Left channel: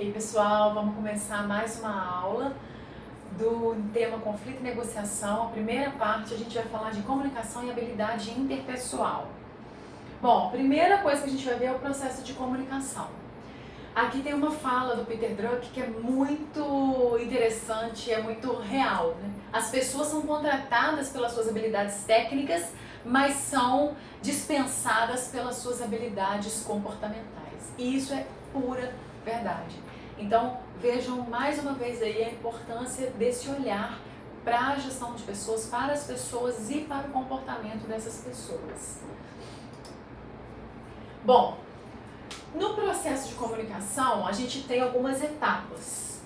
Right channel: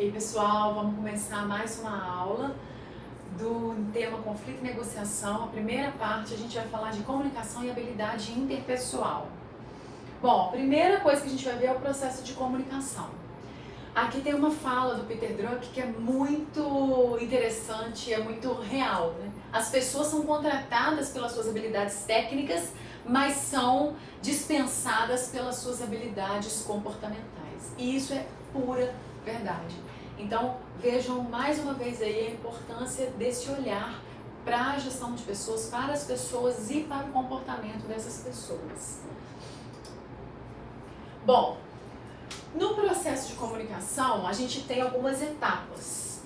Ei pessoal, vamos começar mais uma aula do tema conflito e negociação. A primeira parte a gente vai falar de comunicação e habilidade interpessoal. Bom, a primeira coisa que a gente vai ver é o processo de comunicação. Aqui tem uma fala do Peter Drucker que é muito interessante, é muito real, né? As pessoas são contratadas pelas suas habilidades técnicas, mas são dispensadas pelas suas habilidades comportamentais. E isso é pura verdade. Então, vejam mais uma vez aí a importância desse olhar para a gestão de pessoas, para as pessoas e para o comportamento dessas pessoas. Bom, no processo de comunicação, a gente tem algumas etapas.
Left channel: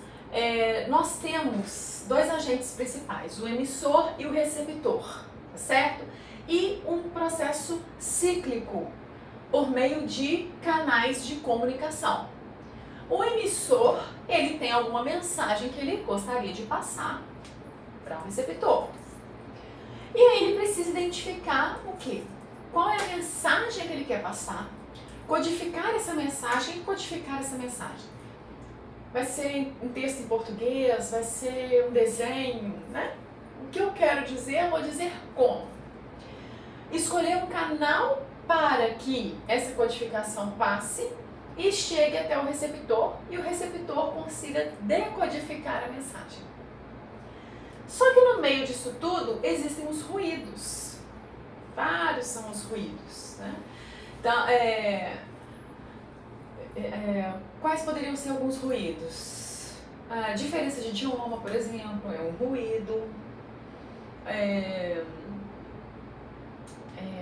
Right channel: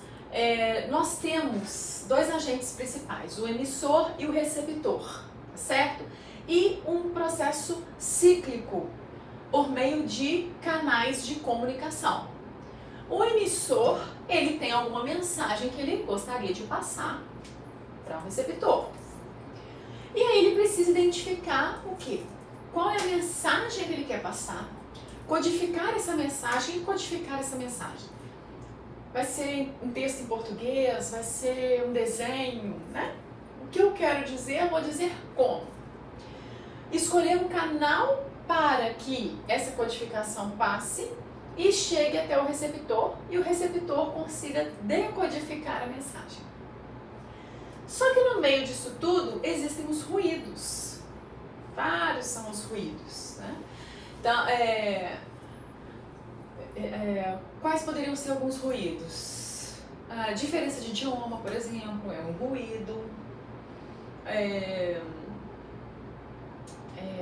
Nós temos dois agentes principais, o emissor e o receptor, certo? E um processo cíclico por meio de canais de comunicação. O emissor, ele tem alguma mensagem que ele gostaria de passar para o receptor. E aí ele precisa identificar o quê? Qual é a mensagem que ele quer passar, codificar essa mensagem e codificar essa mensagem. Vai ser um texto em português, vai ser um desenho, né? O que eu quero dizer, eu vou dizer como. Escolher um canal para que essa codificação passe e chegue até o receptor e o receptor consiga decodificar a mensagem. Só que no meio disso tudo existem os ruídos. Vários são os ruídos, né? Então, quais poderiam ser alguns ruídos? A diferença de idioma, por exemplo, é um ruído.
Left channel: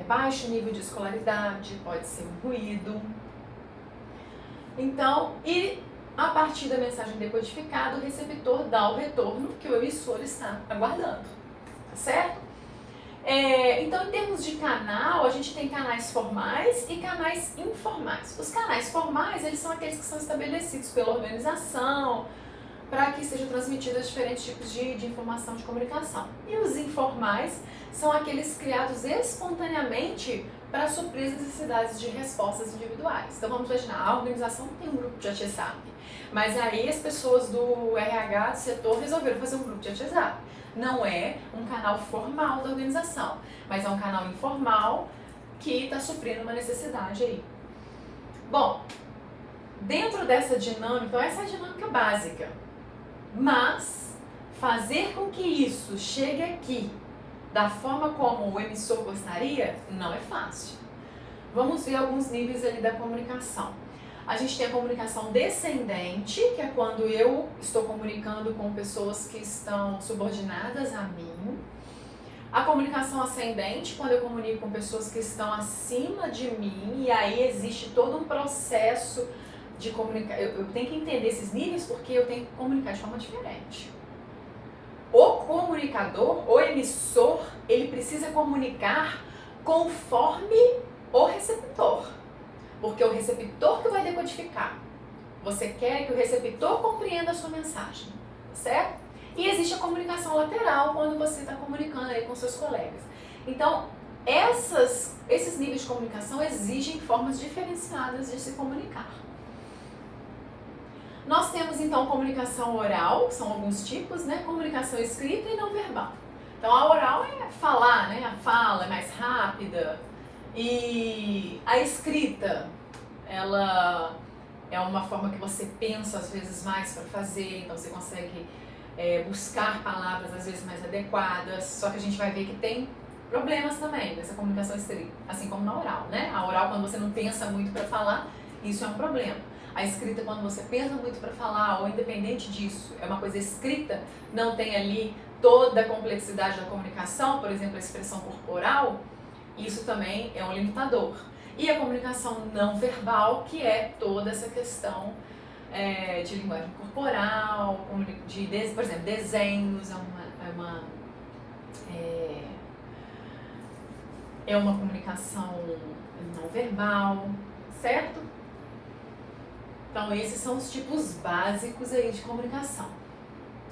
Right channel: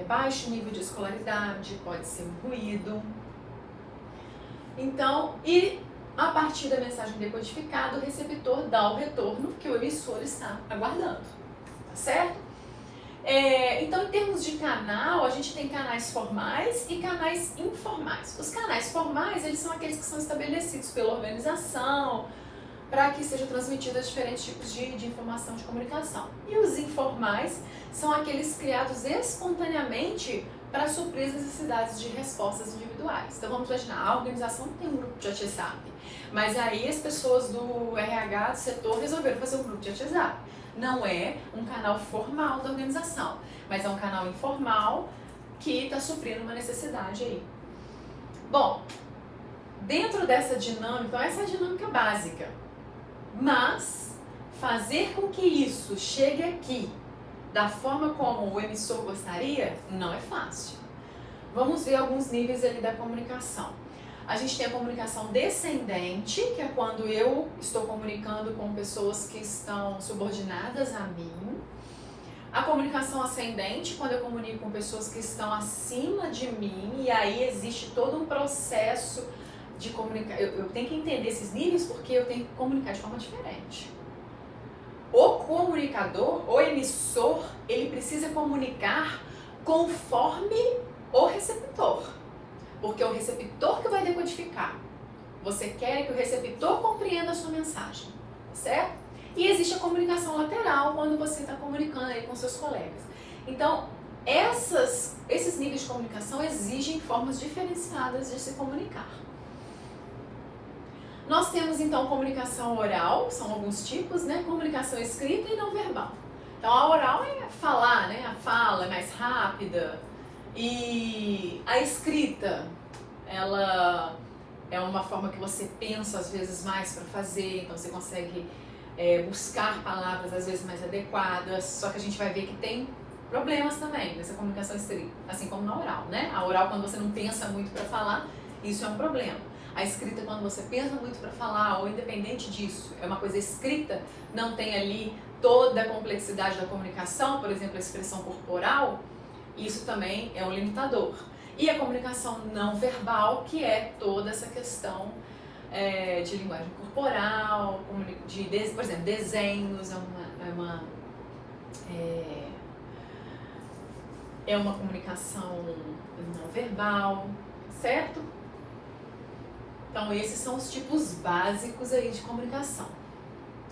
Baixo nível de escolaridade pode ser um ruído. Então, e a partir da mensagem decodificada, o receptor dá o retorno que o emissor está aguardando, tá certo? Então, em termos de canal, a gente tem canais formais e canais informais. Os canais formais, eles são aqueles que são estabelecidos pela organização para que sejam transmitidas diferentes tipos de informação de comunicação. E os informais são aqueles criados espontaneamente para suprir as necessidades de respostas individuais. Então vamos imaginar, a organização tem um grupo de WhatsApp, mas aí as pessoas do RH, do setor, resolveram fazer um grupo de WhatsApp. Não é um canal formal da organização, mas é um canal informal que está suprindo uma necessidade aí. Bom, dentro dessa dinâmica, então essa é a dinâmica básica, mas fazer com que isso chegue aqui da forma como o emissor gostaria, não é fácil. Vamos ver alguns níveis ali da comunicação. A gente tem a comunicação descendente, que é quando eu estou comunicando com pessoas que estão subordinadas a mim. A comunicação ascendente, quando eu comunico com pessoas que estão acima de mim, e aí existe todo um processo de comunicar. Eu tenho que entender esses níveis porque eu tenho que comunicar de forma diferente. O comunicador, o emissor, ele precisa comunicar conforme o receptor. Porque é o receptor que vai decodificar. Você quer que o receptor compreenda a sua mensagem, certo? E existe a comunicação lateral, quando você está comunicando aí com seus colegas. Então, esses níveis de comunicação exigem formas diferenciadas de se comunicar. Nós temos então comunicação oral, são alguns tipos, né? Comunicação escrita e não verbal. Então a oral é falar, né? A fala é mais rápida. E a escrita, ela é uma forma que você pensa às vezes mais para fazer, então você consegue buscar palavras às vezes mais adequadas, só que a gente vai ver que tem problemas também nessa comunicação escrita, assim como na oral, né? A oral, quando você não pensa muito para falar, isso é um problema. A escrita, quando você pensa muito para falar, ou independente disso, é uma coisa escrita, não tem ali toda a complexidade da comunicação, por exemplo, a expressão corporal, isso também é um limitador. E a comunicação não verbal, que é toda essa questão de linguagem corporal, por exemplo, desenhos, é uma comunicação não verbal, certo? Então, esses são os tipos básicos aí de comunicação.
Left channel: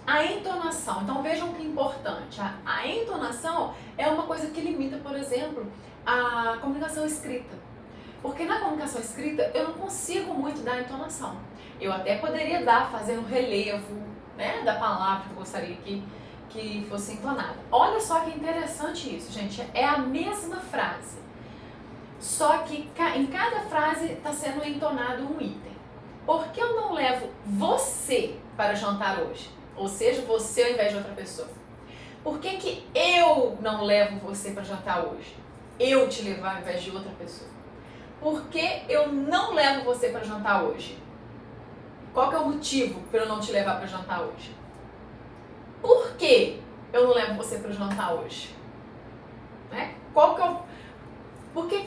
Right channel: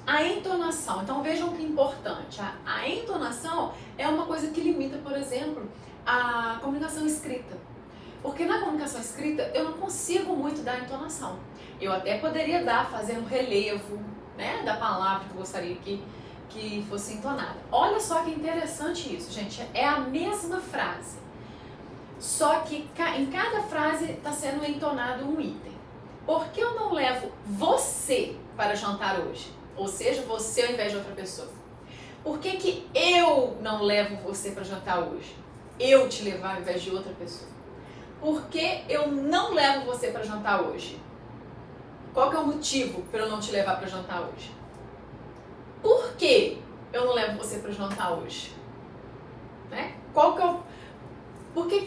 A entonação, então vejam que é importante, a entonação é uma coisa que limita, por exemplo, a comunicação escrita. Porque na comunicação escrita eu não consigo muito dar entonação. Eu até poderia dar, fazendo um relevo, né, da palavra que eu gostaria que fosse entonada. Olha só que interessante isso, gente. É a mesma frase. Só que em cada frase está sendo entonado um item. Por que eu não levo você para jantar hoje? Ou seja, você ao invés de outra pessoa. Por que eu não levo você para jantar hoje? Eu te levar ao invés de outra pessoa. Por que eu não levo você para jantar hoje? Qual que é o motivo para eu não te levar para jantar hoje? Por que eu não levo você para jantar hoje? Né? Qual que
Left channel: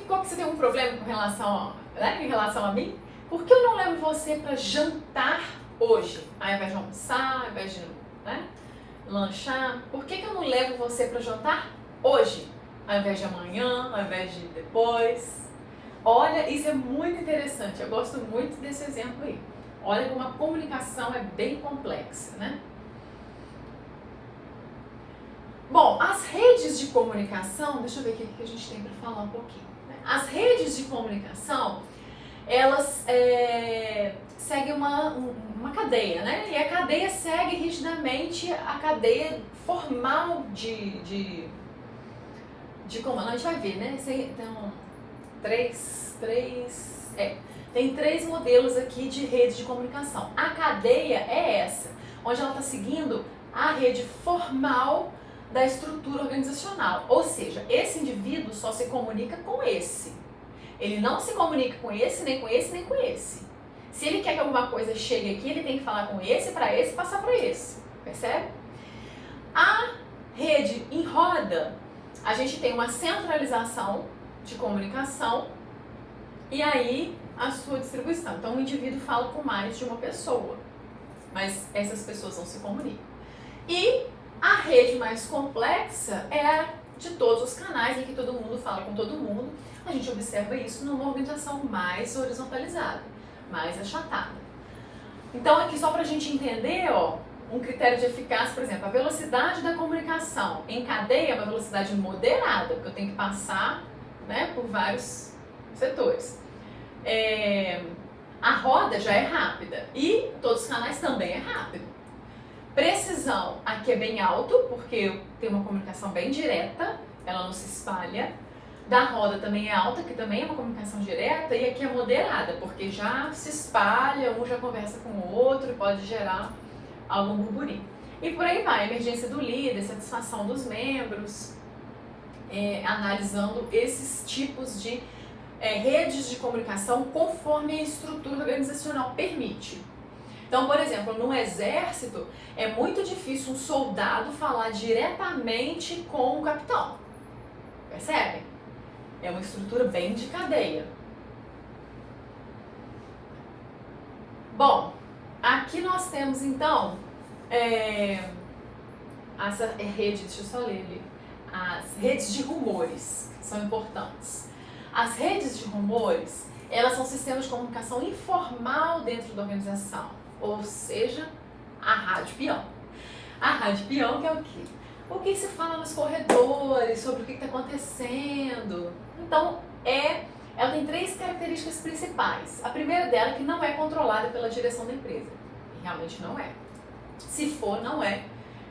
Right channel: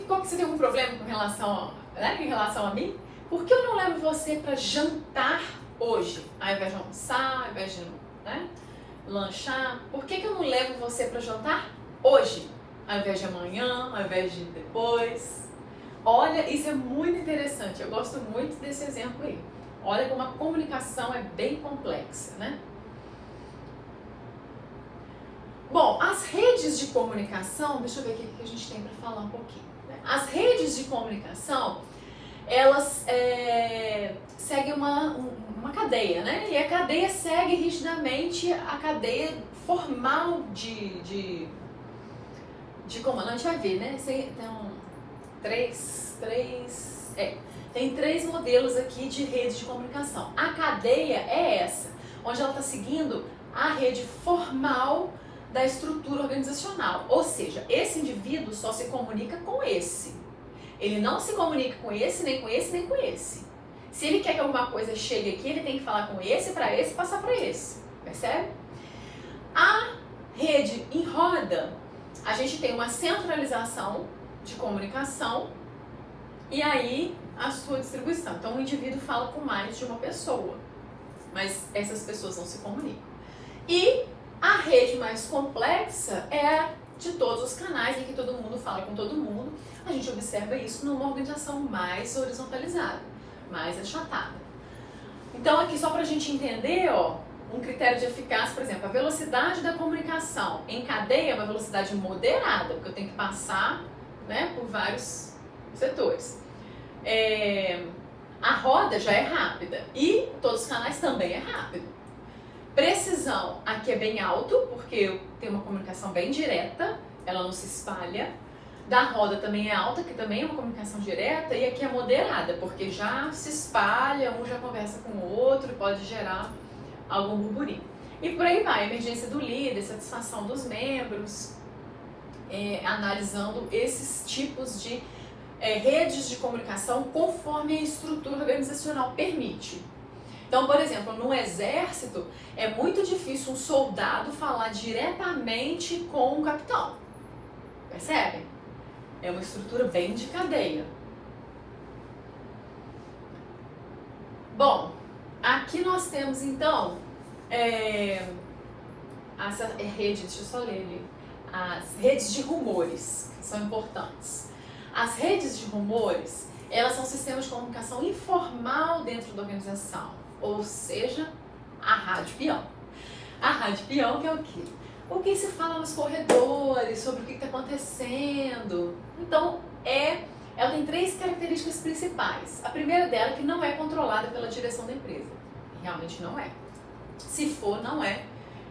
você tem um problema com relação, em relação a mim? Por que eu não levo você para jantar hoje? Ao invés de almoçar, ao invés de lanchar? Por que eu não levo você para jantar hoje? Ao invés de amanhã, ao invés de depois? Olha, isso é muito interessante. Eu gosto muito desse exemplo aí. Olha como a comunicação é bem complexa, né? Bom, as redes de comunicação, deixa eu ver aqui o que a gente tem para falar um pouquinho. Né? As redes de comunicação, elas seguem uma cadeia, né? E a cadeia segue rigidamente a cadeia formal de comando. A gente vai ver, né? Então, tem três modelos aqui de rede de comunicação. A cadeia é essa, onde ela está seguindo a rede formal da estrutura organizacional. Ou seja, esse indivíduo só se comunica com esse. Ele não se comunica com esse, nem com esse, nem com esse. Se ele quer que alguma coisa chegue aqui, ele tem que falar com esse, para esse, passar para esse. Percebe? A rede em roda, a gente tem uma centralização de comunicação e aí a sua distribuição. Então o indivíduo fala com mais de uma pessoa, mas essas pessoas não se comunicam. E a rede mais complexa é de todos os canais em que todo mundo fala com todo mundo. A gente observa isso numa organização mais horizontalizada, mais achatada. Então aqui só para a gente entender, ó, um critério de eficácia, por exemplo, a velocidade da comunicação em cadeia é uma velocidade moderada, porque eu tenho que passar, né, por vários setores. A roda já é rápida e todos os canais também é rápido. Precisão, aqui é bem alto, porque tem uma comunicação bem direta, ela não se espalha. Da roda também é alta, que também é uma comunicação direta, e aqui é moderada, porque já se espalha, um já conversa com o outro, pode gerar algum burburinho. E por aí vai, emergência do líder, satisfação dos membros, analisando esses tipos de redes de comunicação conforme a estrutura organizacional permite. Então, por exemplo, no exército, é muito difícil um soldado falar diretamente com o capitão. Percebem? É uma estrutura bem de cadeia. Bom, aqui nós temos então essa rede, deixa eu só ler ali, as redes de rumores, que são importantes. As redes de rumores, elas são sistemas de comunicação informal dentro da organização, ou seja, a rádio peão. A rádio peão que é o quê? O que se fala nos corredores, sobre o que está acontecendo. Então, ela tem três características principais. A primeira dela é que não é controlada pela direção da empresa. Realmente não é. Se for, não é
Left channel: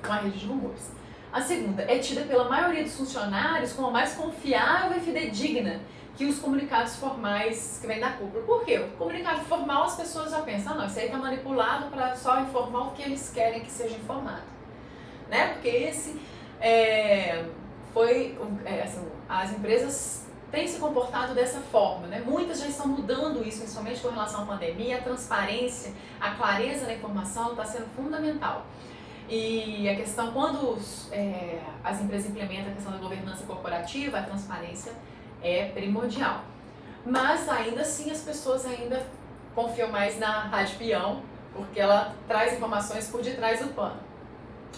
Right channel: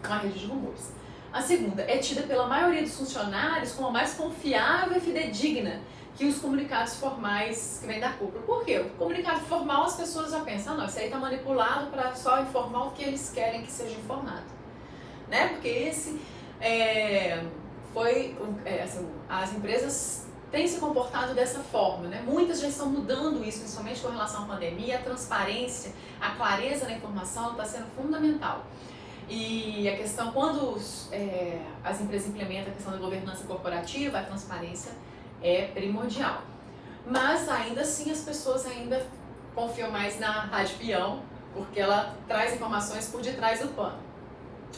uma rede de rumores. A segunda é tida pela maioria dos funcionários como a mais confiável e fidedigna que os comunicados formais que vêm da cúpula. Por quê? O comunicado formal as pessoas já pensam, não, isso aí está manipulado para só informar o que eles querem que seja informado. Né? Porque esse as empresas têm se comportado dessa forma, né? Muitas já estão mudando isso, principalmente com relação à pandemia. A transparência, a clareza na informação está sendo fundamental. E a questão, quando as empresas implementam a questão da governança corporativa, a transparência é primordial. Mas ainda assim as pessoas ainda confiam mais na rádio peão, porque ela traz informações por detrás do pano.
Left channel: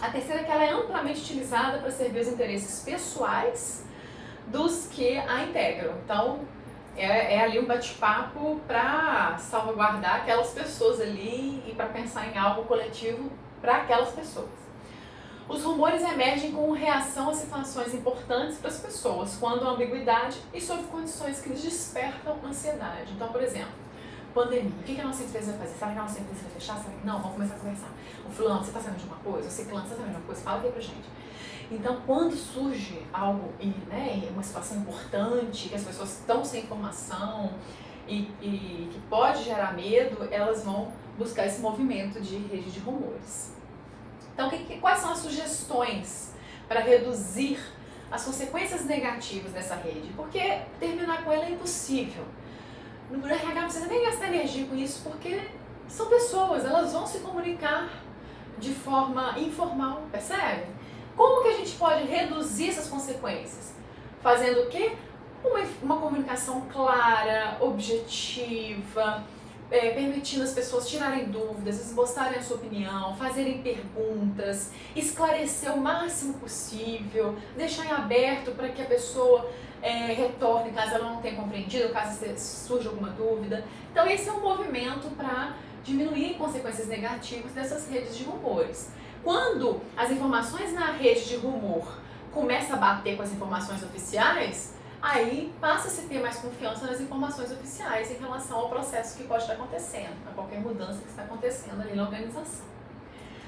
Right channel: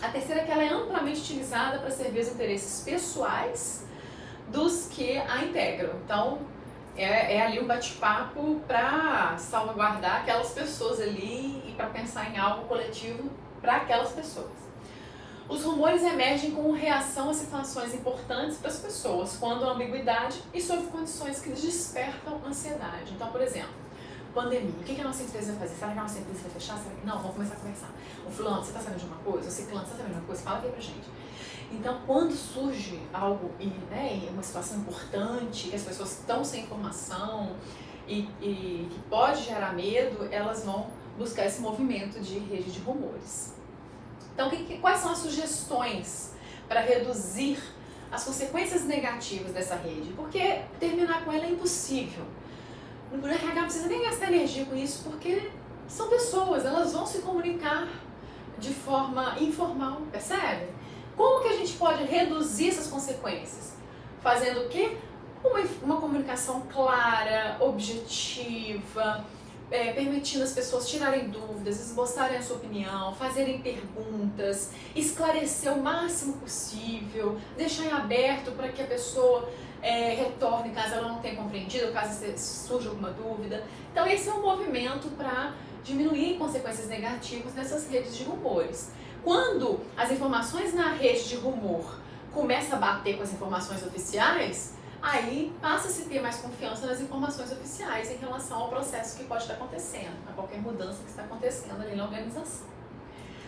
A terceira é que ela é amplamente utilizada para servir os interesses pessoais dos que a integram. Então, é ali um bate-papo para salvaguardar aquelas pessoas ali e para pensar em algo coletivo para aquelas pessoas. Os rumores emergem como reação a situações importantes para as pessoas, quando há ambiguidade e sob condições que lhes despertam ansiedade. Então, por exemplo, pandemia. O que a nossa empresa vai fazer? Será que a nossa empresa vai fechar? Será que não? Vamos começar a conversar. O fulano, você está sabendo de uma coisa? O ciclano, você está sabendo de uma coisa? Fala aqui pra gente. Então, quando surge algo, né, uma situação importante, que as pessoas estão sem informação e que pode gerar medo, elas vão buscar esse movimento de rede de rumores. Então, quais são as sugestões para reduzir as consequências negativas dessa rede? Porque terminar com ela é impossível. No RH não precisa nem gastar energia com isso, porque são pessoas, elas vão se comunicar de forma informal, percebe? Como que a gente pode reduzir essas consequências? Fazendo o quê? Uma comunicação clara, objetiva, permitindo as pessoas tirarem dúvidas, esboçarem a sua opinião, fazerem perguntas, esclarecer o máximo possível, deixar em aberto para que a pessoa retorne caso ela não tenha compreendido, caso surja alguma dúvida. Então esse é um movimento para diminuir consequências negativas dessas redes de rumores. Quando as informações na rede de rumor começam a bater com as informações oficiais, aí passa-se a ter mais confiança nas informações oficiais em relação ao processo que pode estar acontecendo, a qualquer mudança que está acontecendo ali na organização.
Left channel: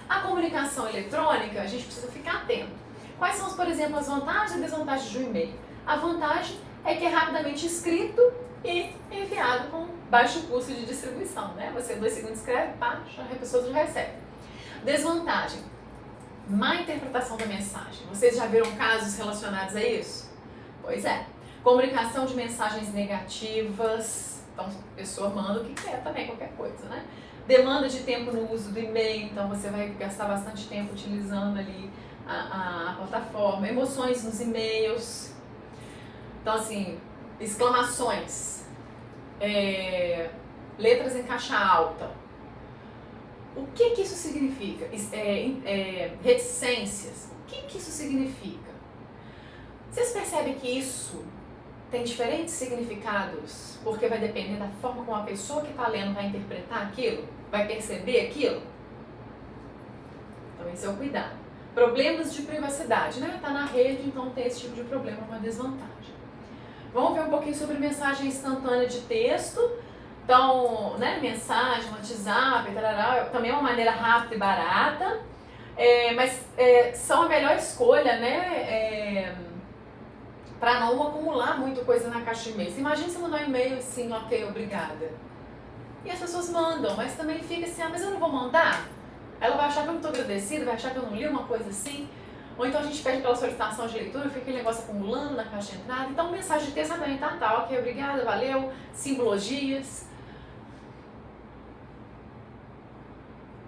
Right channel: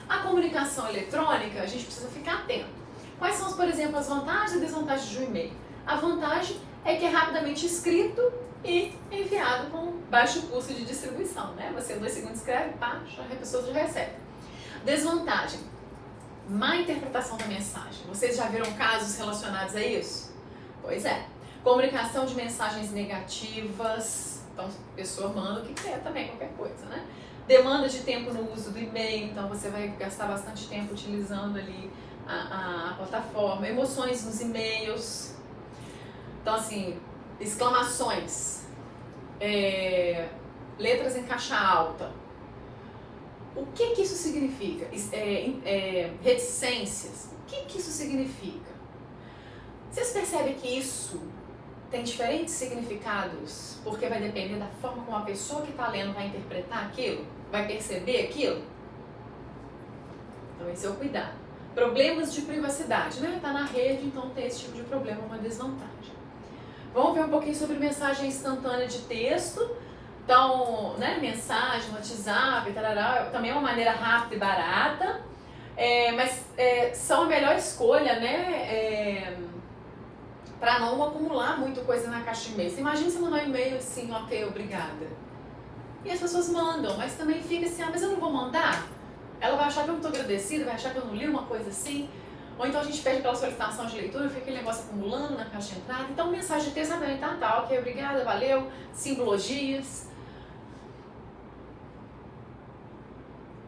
A comunicação eletrônica, a gente precisa ficar atento. Quais são, por exemplo, as vantagens e desvantagens do e-mail? A vantagem é que é rapidamente escrito e enviado com baixo custo de distribuição, né? Você 2 segundos escreve, pá, a pessoa já recebe. Desvantagem, má interpretação da mensagem. Vocês já viram casos relacionados a isso? Pois é. Comunicação de mensagens negativas, então a pessoa manda o que quer também, qualquer coisa, né? Demanda de tempo no uso do e-mail, então você vai gastar bastante tempo utilizando ali a plataforma. Emoções nos e-mails, então assim, exclamações, letras em caixa alta. O que isso significa? Reticências, o que isso significa? Vocês percebem que isso tem diferentes significados, porque vai depender da forma como a pessoa que está lendo vai interpretar aquilo, vai perceber aquilo? Então esse é o cuidado. Problemas de privacidade, né? Está na rede, então tem esse tipo de problema, uma desvantagem. Vamos ver um pouquinho sobre mensagem instantânea de texto. Então, né, mensagem, WhatsApp, tarará, também é uma maneira rápida e barata, mas são a melhor escolha, né? Para não acumular muita coisa na caixa de e-mail. Você imagina se mandar um e-mail assim, ok, obrigada. E as pessoas mandam, mas também fica assim, mas eu não vou mandar? Ela vai achar que eu não estou agradecida, vai achar que eu não li uma coisa assim. Ou então a gente pede aquela solicitação de leitura, fica aquele negócio acumulando na caixa de entrada. Então mensagem de texto também, tá, ok, obrigada, valeu, simbologias.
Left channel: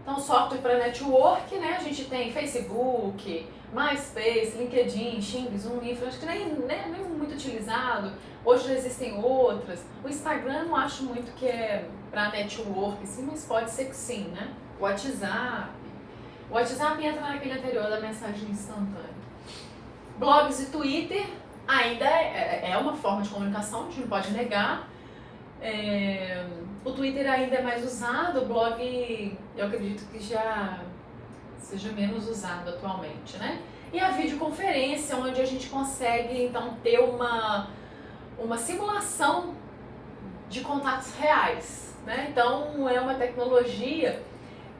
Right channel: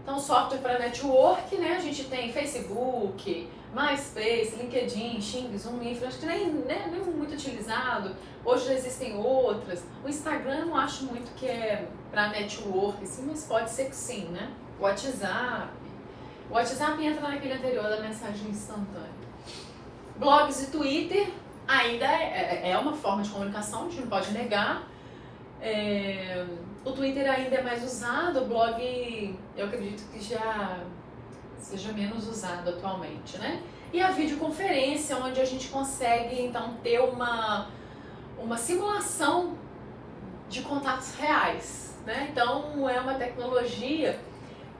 Então software para network, né? A gente tem Facebook, MySpace, LinkedIn, Xing, Zoom, Info, acho que nem muito utilizado. Hoje já existem outras. O Instagram não acho muito que é para network, sim, mas pode ser que sim, né? O WhatsApp. O WhatsApp entra naquele anterior da mensagem instantânea. Blogs e Twitter ainda é uma forma de comunicação, a gente não pode negar. O Twitter ainda é mais usado, o blog eu acredito que já seja menos usado atualmente, né? E a videoconferência, onde a gente consegue então ter uma simulação de contatos reais, né? Então é uma tecnologia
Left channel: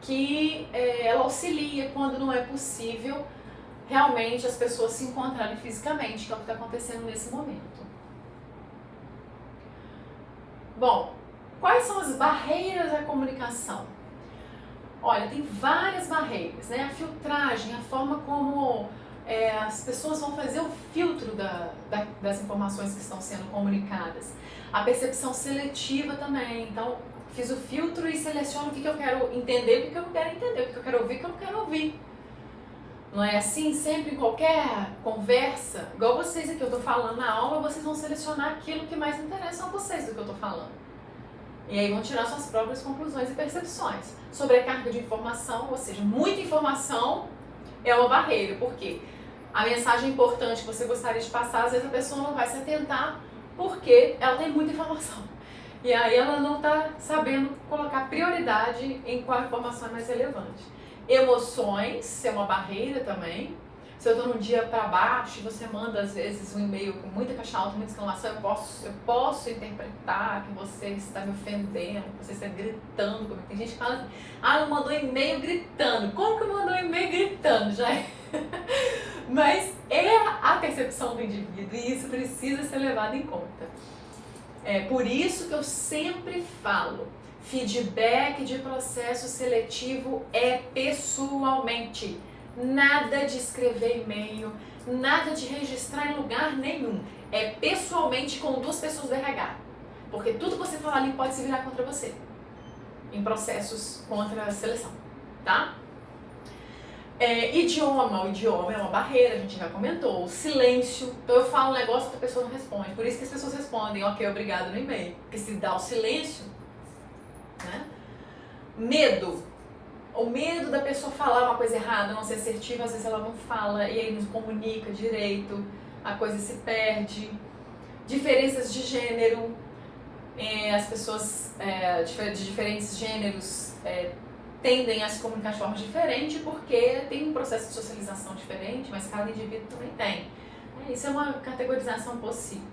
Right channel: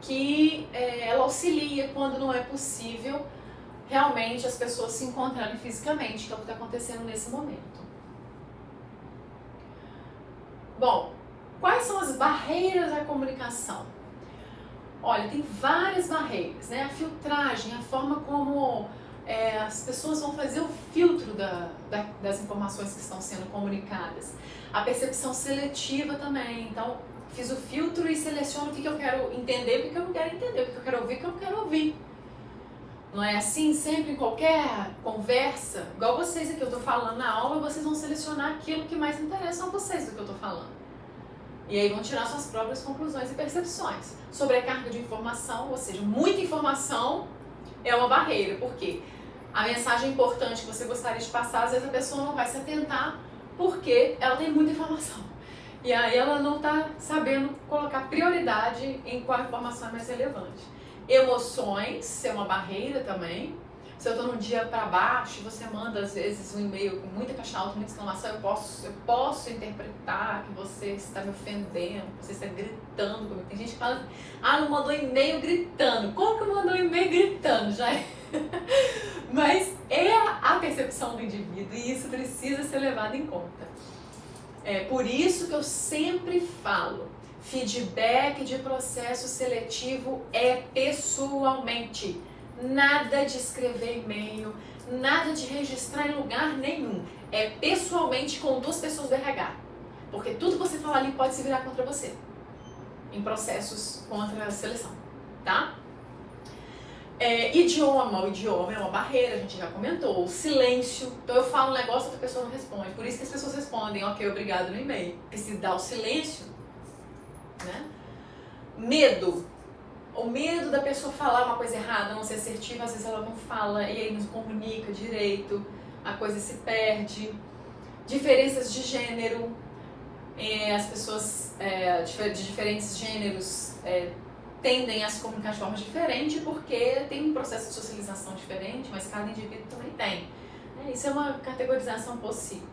que ela auxilia quando não é possível realmente as pessoas se encontrarem fisicamente, que é o que está acontecendo nesse momento. Bom, quais são as barreiras à comunicação? Olha, tem várias barreiras, né? A filtragem, a forma como as pessoas vão fazer o filtro das informações que estão sendo comunicadas. A percepção seletiva também, então fiz o filtro e seleciono o que eu quero entender, o que eu não quero entender, o que eu quero ouvir, o que eu não quero ouvir. Não é assim? Sempre em qualquer conversa, igual vocês aqui, eu estou falando na aula, vocês vão selecionar aquilo que mais interessa a vocês do que eu estou falando. E aí vão tirar suas próprias conclusões e percepções. Sobre a carga de informação, ou seja, muita informação é uma barreira. Por quê? A mensagem importante que você gostaria de passar, às vezes a pessoa não vai se atentar porque ela tem muita informação. E aí ela não está sabendo colocar prioridade em qual informação é mais relevante. Emoções é uma barreira também. Se eu estou num dia para baixo e você manda às vezes um e-mail com muita caixa alta, muita exclamação, eu posso interpretar que você está me ofendendo, que você está gritando comigo. Tem gente que fala, não mandou e-mail gritando. Como que mandou e-mail gritando? Já é. Mas é a percepção do indivíduo e isso precisa ser levado em conta. É por isso que eu sempre falo, feedback de processo seletivo é pessoalmente. Nada de escrever e-mail, nada de registrar em lugar nenhum. É pessoalmente com 2 pessoas do RH. Porque tudo que você falar ali pode se virar contra você. Em processos contra a seleção, tá? Idioma. O idioma é uma barreira, a gente já comentou. O silêncio. Então eu falo um negócio que a pessoa não responde. Por isso que as pessoas respondem, ok, obrigado no e-mail. Porque se dá o silêncio, né? Medo. O medo da pessoa falar uma coisa errada, não ser assertiva, às vezes ela não fala e aí não comunica direito, a coisa se perde. Diferenças de gênero, as pessoas de diferentes gêneros tendem a se comunicar de forma diferente porque tem um processo de socialização diferente, mas cada indivíduo também tem. Isso é uma categorização possível.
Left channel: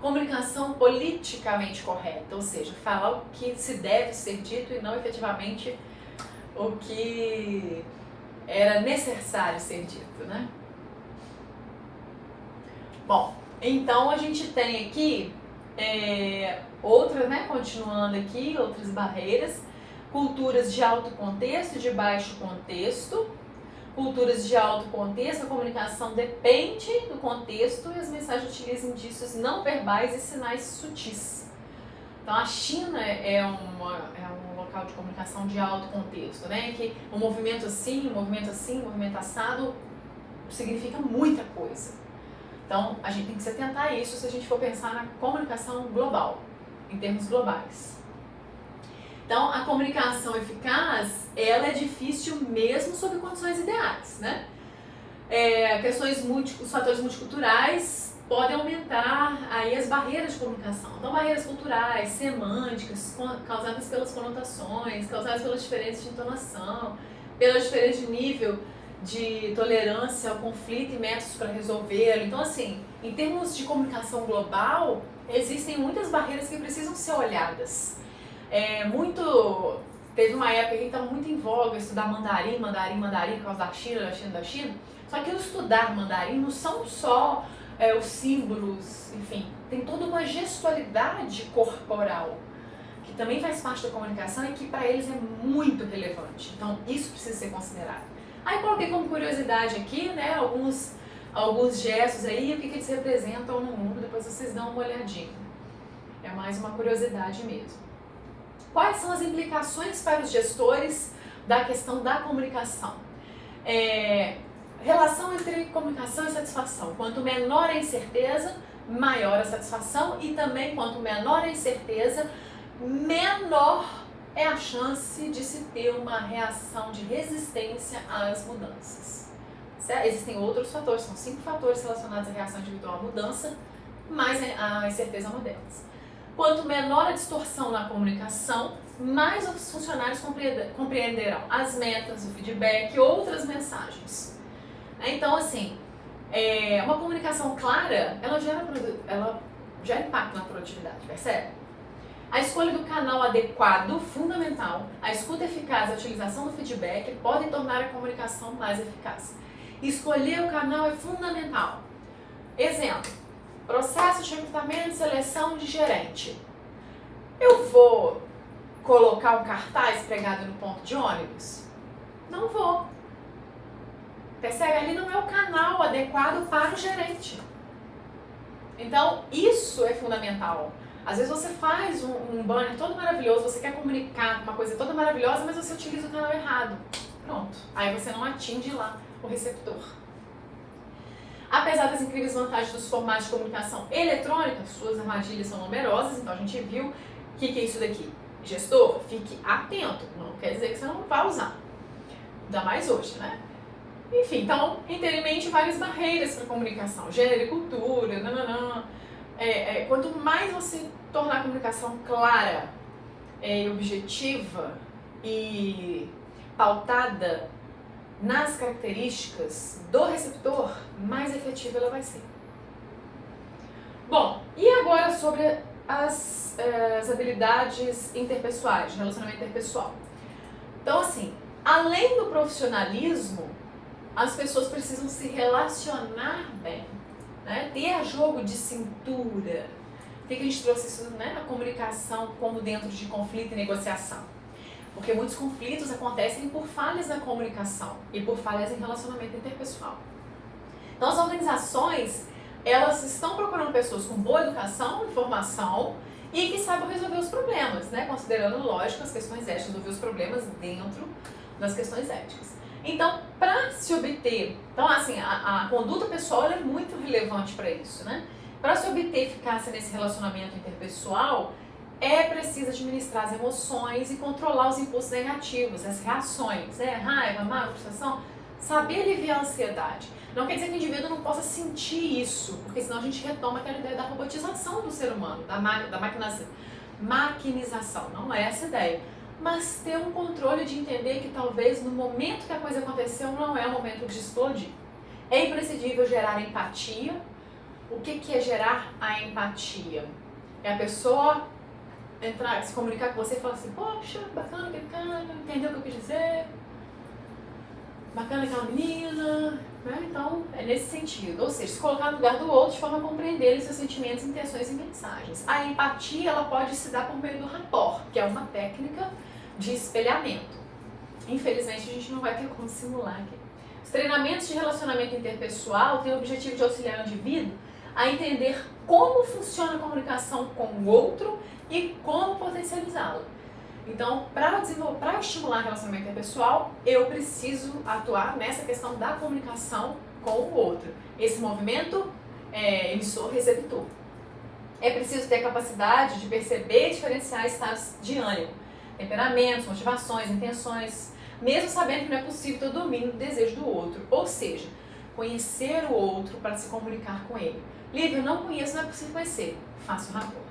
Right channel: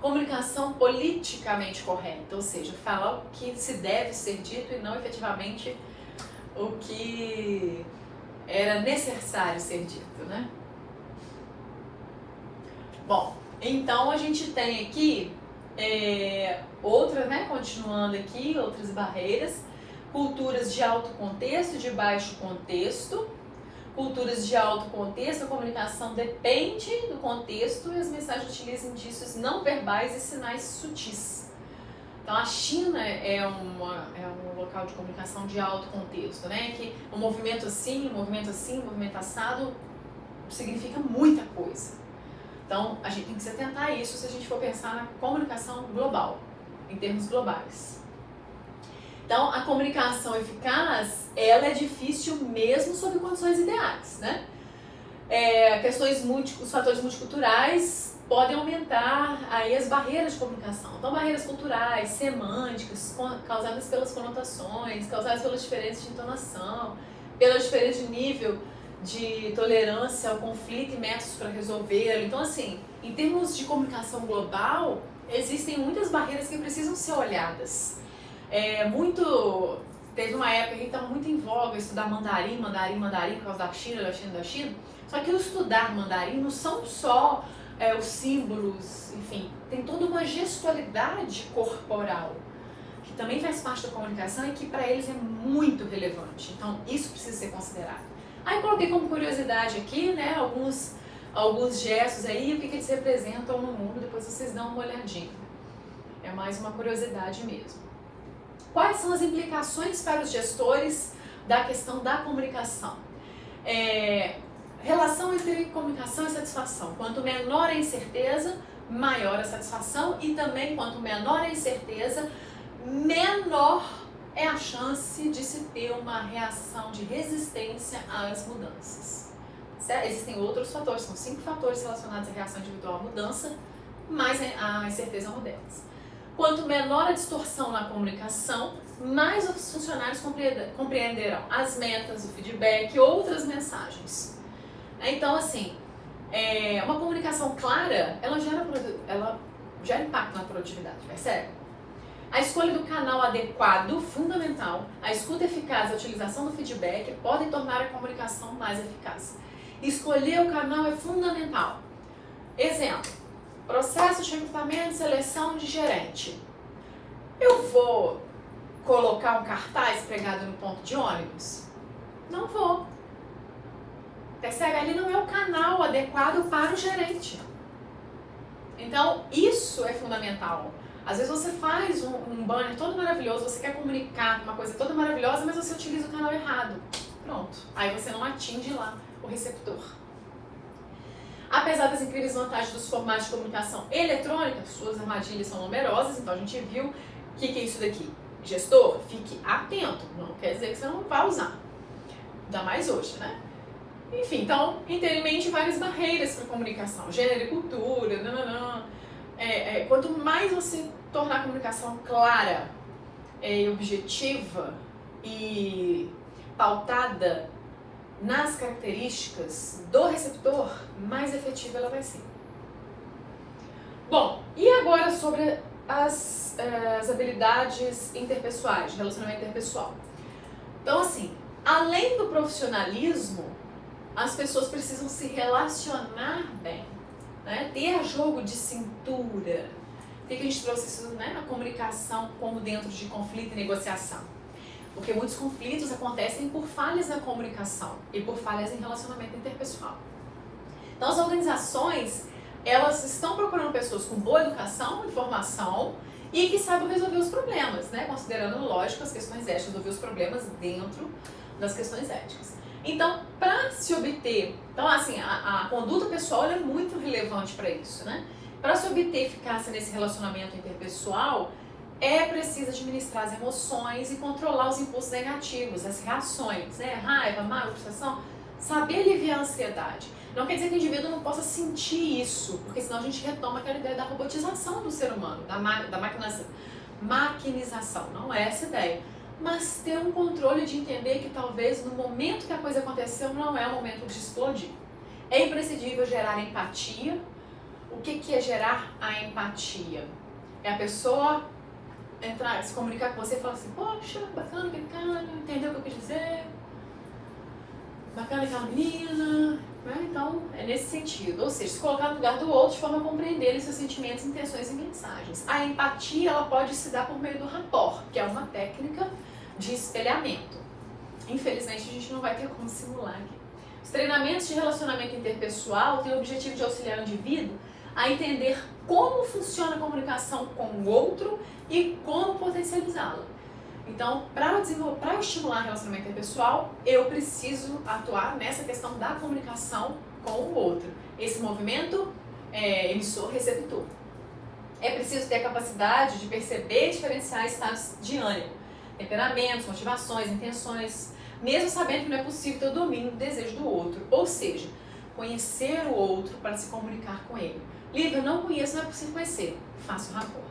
Comunicação politicamente correta, ou seja, falar o que se deve ser dito e não efetivamente o que era necessário ser dito, né? Bom, então a gente tem aqui outras, né? Continuando aqui, outras barreiras. Culturas de alto contexto e de baixo contexto. Culturas de alto contexto, a comunicação depende do contexto e as mensagens utilizam indícios não verbais e sinais sutis. Então a China é um local de comunicação de alto contexto, né? Que um movimento assim, um movimento assado significa muita coisa. Então a gente tem que se atentar a isso se a gente for pensar na comunicação global, em termos globais. Então a comunicação eficaz, ela é difícil mesmo sob condições ideais, né? Os fatores multiculturais podem aumentar aí as barreiras de comunicação. Então, barreiras culturais, semânticas, causadas pelas conotações, causadas pelas diferenças de entonação, pelo diferente nível de tolerância ao conflito e métodos para resolvê-lo. Então, assim, em termos de comunicação global, existem muitas barreiras que precisam ser olhadas. Teve uma época que estava muito em voga estudar mandarim, por causa da China. Só que o estudar mandarim não são só os símbolos, enfim, tem toda uma gestualidade corporal que também faz parte da comunicação e que para eles é muito relevante. Então, isso precisa ser considerado. Aí coloquei como curiosidade aqui, né, alguns gestos aí, o que eles representam no mundo, depois vocês dão uma olhadinha. É mais uma curiosidade mesmo. Quais são as implicações para os gestores da questão da comunicação? Relação entre comunicação e satisfação. Quanto menor a incerteza, maior a satisfação e também quanto menor a incerteza, menor é a chance de se ter uma reação de resistência às mudanças. Certo? Existem outros fatores, são 5 fatores relacionados à reação individual à mudança, mais a incerteza à mudança. Quanto menor a distorção na comunicação, mais os funcionários compreenderão as metas, o feedback e outras mensagens. Então, assim, uma comunicação clara, ela gera impacto na produtividade, percebe? A escolha do canal adequado, fundamental, a escuta eficaz e a utilização do feedback podem tornar a comunicação mais eficaz. Escolher o canal é fundamental. Exemplo, processo de recrutamento e seleção de gerente. Eu vou colocar um cartaz pregado no ponto de ônibus? Não vou. Percebe? Ali não é o canal adequado para o gerente. Então, isso é fundamental. Às vezes você faz um banner todo maravilhoso, você quer comunicar uma coisa toda maravilhosa, mas você utiliza o canal errado. Pronto. Aí você não atinge lá o receptor. Apesar das incríveis vantagens dos formatos de comunicação eletrônica, suas armadilhas são numerosas, então a gente viu o que é isso daqui. Gestor, fique atento, não quer dizer que você não vai usar. Ainda mais hoje, né? Enfim, então, tenha em mente várias barreiras para a comunicação, gênero e cultura, quanto mais você tornar a comunicação clara, objetiva e pautada nas características do receptor, mais efetiva ela vai ser. Bom, e agora sobre as habilidades interpessoais, de relacionamento interpessoal. Então, assim, além do profissionalismo, as pessoas precisam se relacionar bem, né? Ter jogo de cintura. Por que a gente trouxe isso, né? A comunicação como dentro de conflito e negociação? Porque muitos conflitos acontecem por falhas na comunicação e por falhas em relacionamento interpessoal. Então, as organizações, elas estão procurando pessoas com boa educação, informação e que saibam resolver os problemas, né? Considerando, lógico, as questões éticas, resolver os problemas dentro das questões éticas. Então, para se obter... Então, assim, a conduta pessoal é muito relevante para isso, né? Para se obter eficácia nesse relacionamento interpessoal, é preciso administrar as emoções e controlar os impulsos negativos, as reações, né? Raiva, mágoa, frustração, saber aliviar a ansiedade. Não quer dizer que o indivíduo não possa sentir isso, porque senão a gente retoma aquela ideia da robotização do ser humano, da maquinização. Não é essa a ideia. Mas ter um controle de entender que talvez no momento que a coisa aconteceu não é o momento de explodir. É imprescindível gerar empatia. O que é gerar a empatia? É a pessoa entrar, se comunicar com você e falar assim, poxa, bacana aquele cara, entendeu o que eu quis dizer? Bacana aquela menina, né? Então, é nesse sentido. Ou seja, se colocar no lugar do outro de forma a compreender seus sentimentos, intenções e mensagens. A empatia, ela pode se dar por meio do rapport, que é uma técnica de espelhamento. Infelizmente, a gente não vai ter como simular aqui. Os treinamentos de relacionamento interpessoal têm o objetivo de auxiliar o indivíduo a entender como funciona a comunicação com o outro e como potencializá-la. Então, para estimular o relacionamento interpessoal, eu preciso atuar nessa questão da comunicação com o outro. Esse movimento emissor-receptor. É preciso ter a capacidade de perceber e diferenciar estados de ânimo, temperamentos, motivações, intenções, mesmo sabendo que não é possível ter o domínio do desejo do outro. Ou seja, conhecer o outro para se comunicar com ele. Lívia, eu não conheço, não é possível conhecer. Faça um rapport.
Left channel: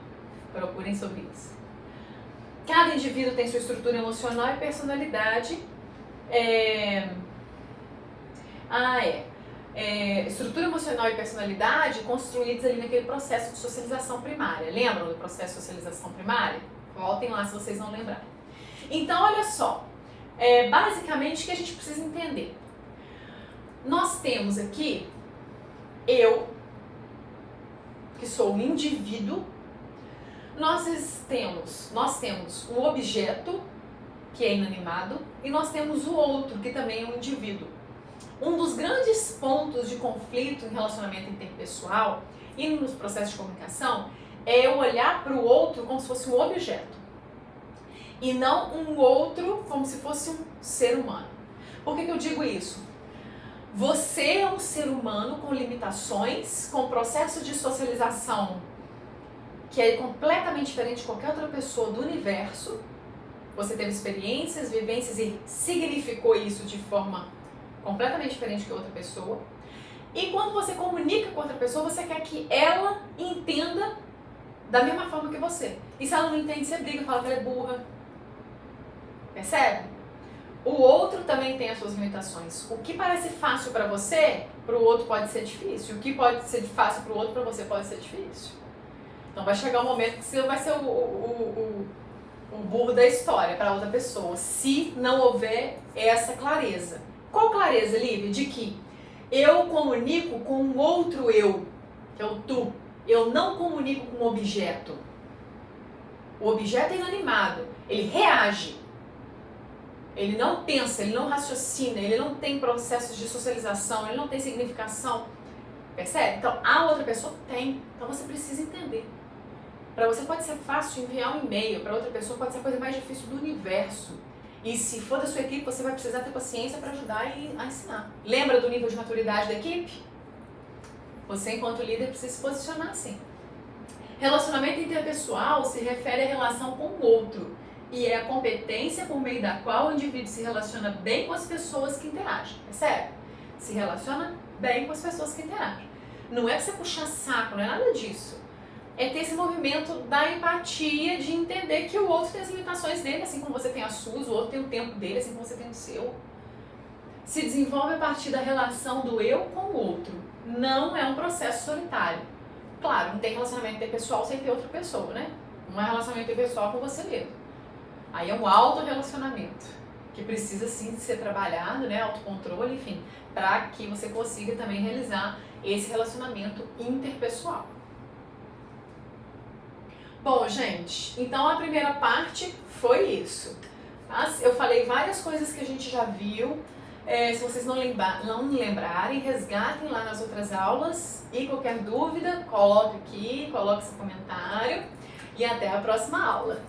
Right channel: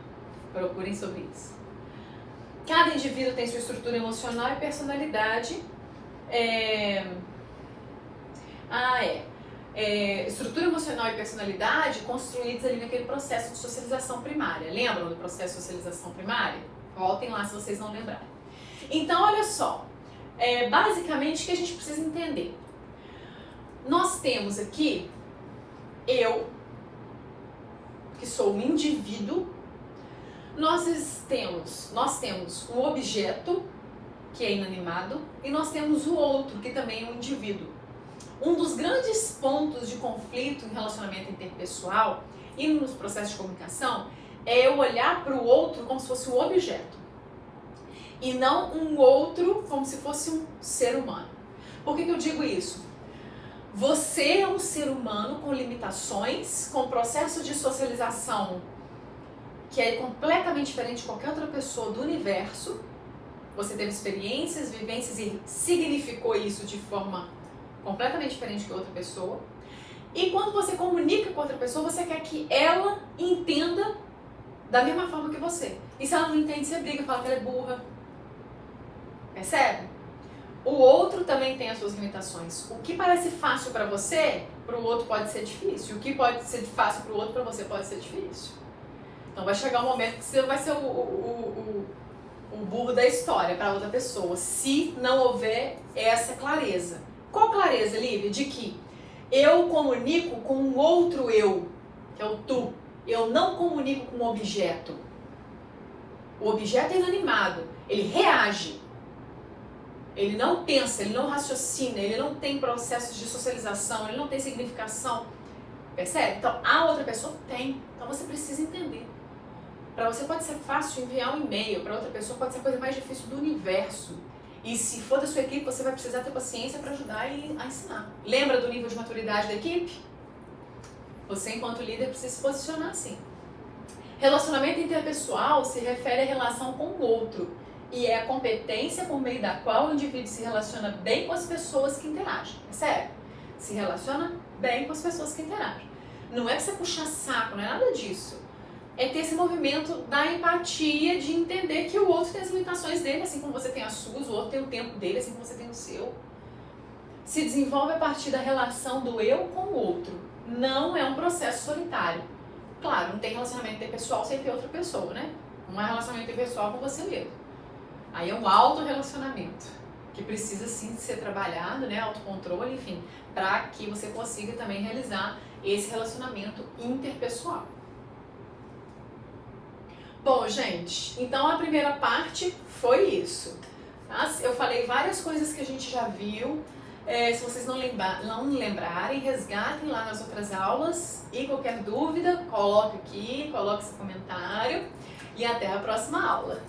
Procurem sobre isso. Cada indivíduo tem sua estrutura emocional e personalidade. Estrutura emocional e personalidade construídos ali naquele processo de socialização primária. Lembram do processo de socialização primária? Voltem lá se vocês não lembrarem. Então, olha só. Basicamente, o que a gente precisa entender? Nós temos aqui, eu, que sou um indivíduo, nós temos um objeto, que é inanimado, e nós temos o outro, que também é um indivíduo. Um dos grandes pontos de conflito em relacionamento interpessoal e nos processos de comunicação é eu olhar para o outro como se fosse um objeto e não um outro como se fosse um ser humano. Por que eu digo isso? Você é um ser humano com limitações, com processo de socialização que é completamente diferente de qualquer outra pessoa do universo. Você teve experiências, vivências e significou isso de forma completamente diferente que outra pessoa. E quando você comunica com outra pessoa, você quer que ela entenda da mesma forma que você. E se ela não entende, você briga e fala que ela é burra. Percebe? O outro também tem as suas limitações. O que parece fácil para você, para o outro pode ser difícil. O que pode ser fácil para o outro, para você pode ser difícil. Então vai chegar um momento que você vai ser o burro da história para outra pessoa, se não houver essa clareza. Qual clareza, Lívia? De que eu comunico com um outro eu, que é o tu. Eu não comunico com um objeto. O objeto é inanimado, ele reage. Ele não pensa, ele não raciocina, ele não tem processos de socialização, ele não tem significação. Percebe? Então, a outra pessoa tem. Então, você precisa entender. Para você pode ser fácil enviar um e-mail, para outra pessoa pode ser a coisa mais difícil do universo. E se for da sua equipe, você vai precisar ter paciência para ajudar e a ensinar. Lembra do nível de maturidade da equipe? Você, enquanto líder, precisa se posicionar assim. Relacionamento interpessoal se refere à relação com o outro e é a competência por meio da qual o indivíduo se relaciona bem com as pessoas que interagem. Percebe? Se relaciona bem com as pessoas que interagem. Não é pra você puxar saco, não é nada disso. É ter esse movimento da empatia, de entender que o outro tem as limitações dele, assim como você tem as suas, o outro tem o tempo dele, assim como você tem o seu. se desenvolve a partir da relação do eu com o outro. Não é um processo solitário. Claro, não tem relacionamento interpessoal sem ter outra pessoa, né? Não é relacionamento interpessoal com você mesmo. Aí é um autorrelacionamento, que precisa sim de ser trabalhado, né? Autocontrole, enfim, para que você consiga também realizar esse relacionamento interpessoal. Bom, gente, então a primeira parte foi isso. Tá? Eu falei várias coisas que a gente já viu. Se vocês não lembrarem, resgatem lá nas outras aulas. E qualquer dúvida, coloque aqui, coloque seu comentário. E até a próxima aula.